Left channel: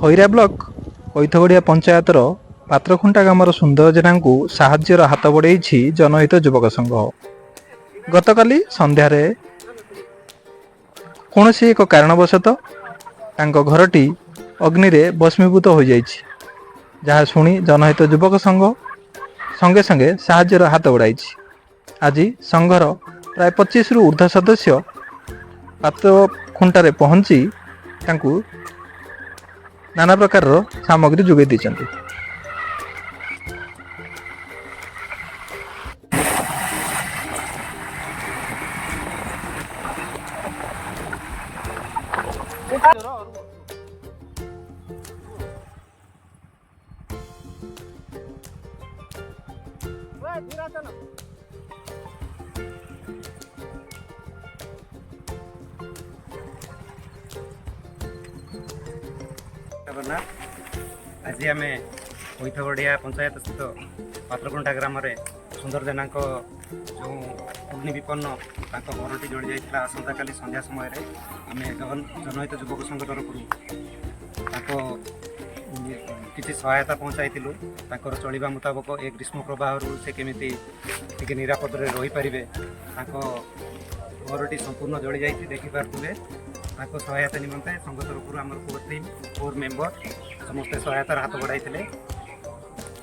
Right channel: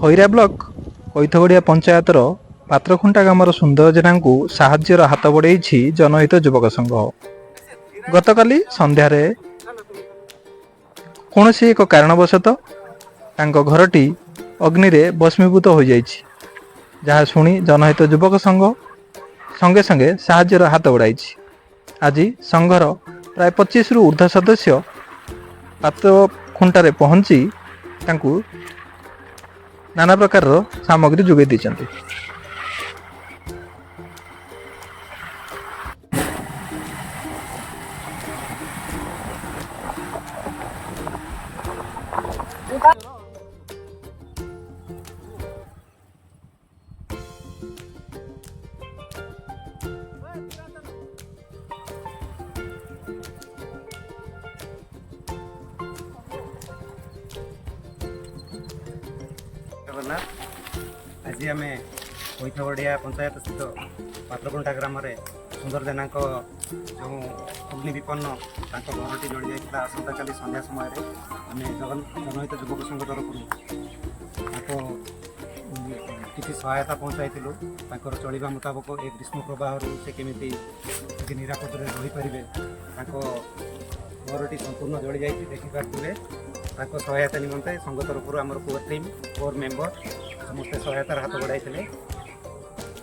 Khaira block କଇଥଗଡ଼ିଆ ପଞ୍ଚାୟତର ପାତ୍ରଖୁଣ୍ଟା ଗ୍ରାମର ସୁନ୍ଦର ଜେନାଙ୍କୁ ସାହାଯ୍ୟର ହାତ ବଢ଼େଇଛି ଜନହିତ ଯୁବକ ସଂଘ। ଗତକାଲି ସନ୍ଧ୍ୟାରେ କୌଣସି ଏକ କାରଣବଶତଃ ତାଙ୍କ ଘରଟି ଅଗ୍ନିରେ ଭସ୍ମୀଭୂତ ହୋଇଯାଇଛି, ଯାହା ଶୁଣି ଜନହିତ ଯୁବକ ସଂଘ ସଙ୍ଗେ ସଙ୍ଗେ ସାହାଯ୍ୟର ହାତ ବଢ଼ାଇଛି। ଆଜି ସଂଘର ପ୍ରାୟ 25ରୁ ଉର୍ଦ୍ଧ୍ୱ ସଦସ୍ୟ ପାତ୍ରଖୁଣ୍ଟାରେ ପହଞ୍ଚି ତାଙ୍କୁ ନାନା ପ୍ରକାରର ସାମଗ୍ରୀ ଯୋଗାଇ ଦେଇଛନ୍ତି। आज आम कईथगढ़िया पंचायत स्थित पात्रकुंटा ग्राम सुंदर जेना जो अग्नि विपन्न घरटी जली जाता आसंता काली संध्या समय आम जनहित युवक संघ तरफ किसी सहायता पहुँचाई चलवा मुताबक एक ग्रीष्म प्रवाह से केमी निरापद रही पारे घरटी संपूर्ण जली जाती देखिपे सहायता निमंते संघ तरफ आम कोर टीम कोर मेंबर समस्ते सहायतार हाथ बढ़ाई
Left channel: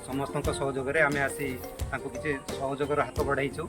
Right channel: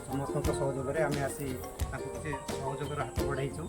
समस्त सहयोग आम आसी किसी सहयोगर हाथ बढ़ाईचु।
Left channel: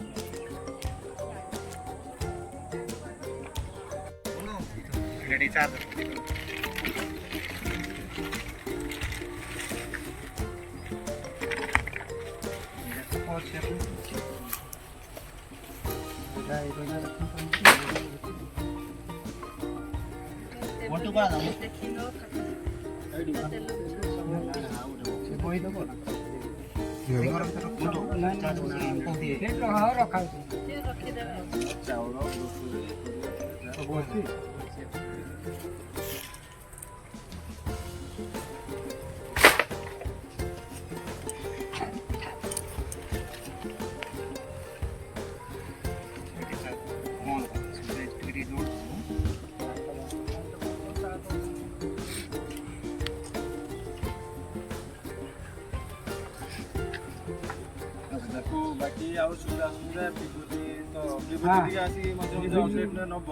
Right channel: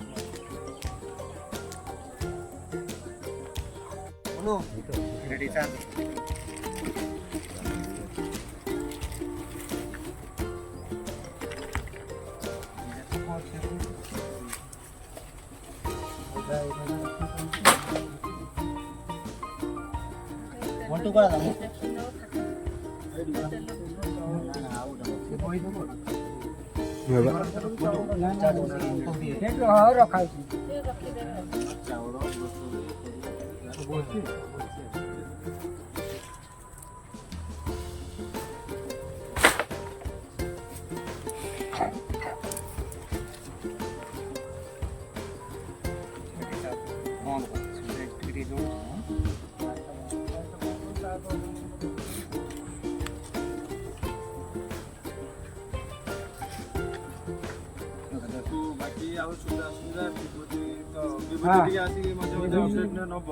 बाकी आउ सुविधा सुविधा विभूति तो विभूति आसी मजे मजे अपडेट नब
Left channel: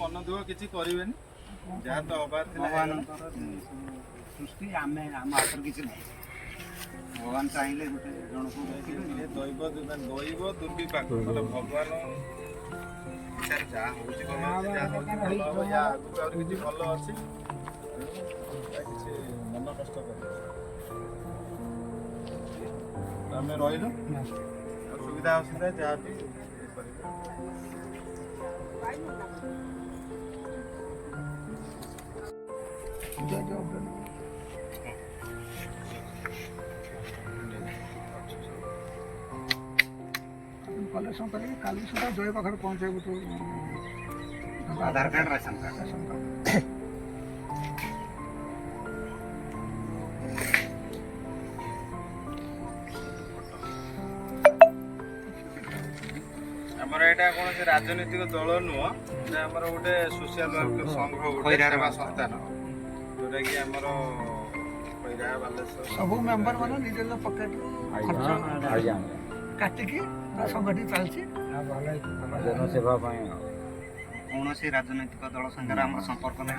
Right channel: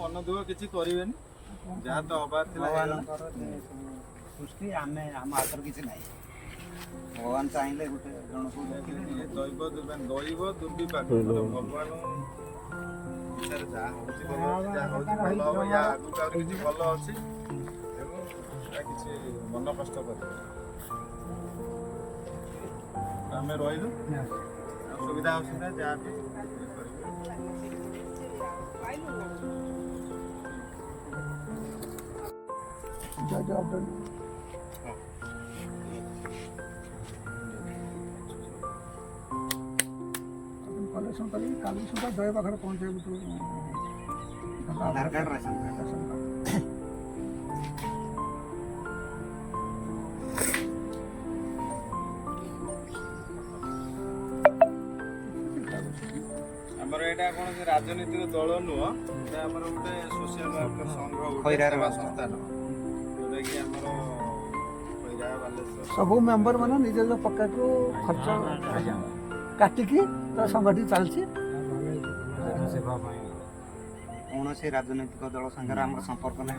मन दुख किसी करें जहाँ तो हबार सृष्टि आम आम हाथ किसी ना भगवान चाहिए गोटे जन को दैव दुर्विपाक मतलब भगवान जहाँ हूँ भल हम या आगे किसी भल अच्छी तेणु किसी मन कष्ट कर आम रही सुविधा असुविधा जहाँ भी कलेक्शन करेंगे काली सुधा जय पाखे पहुँचे आधार कार्ड राशन कार्ड आमर एटा कौन से राजनीतिक दल नुह आमर गोटे सोशल वर्क संघ गोटे सेवा संस्थान जोटा कि आमर खैरा बालेश्वर सब मेंबर माने निज पकेट रू खर्च काटिकी संगठी चलती जनसेवा कौन से राजनैतिक दल संगे आम संपर्क ना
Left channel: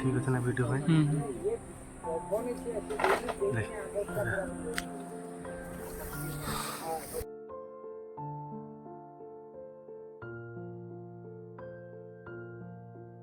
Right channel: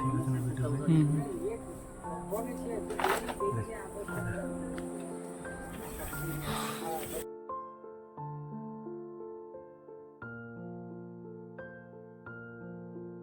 ঠিক আছে না ভিডিও ভাই দেখ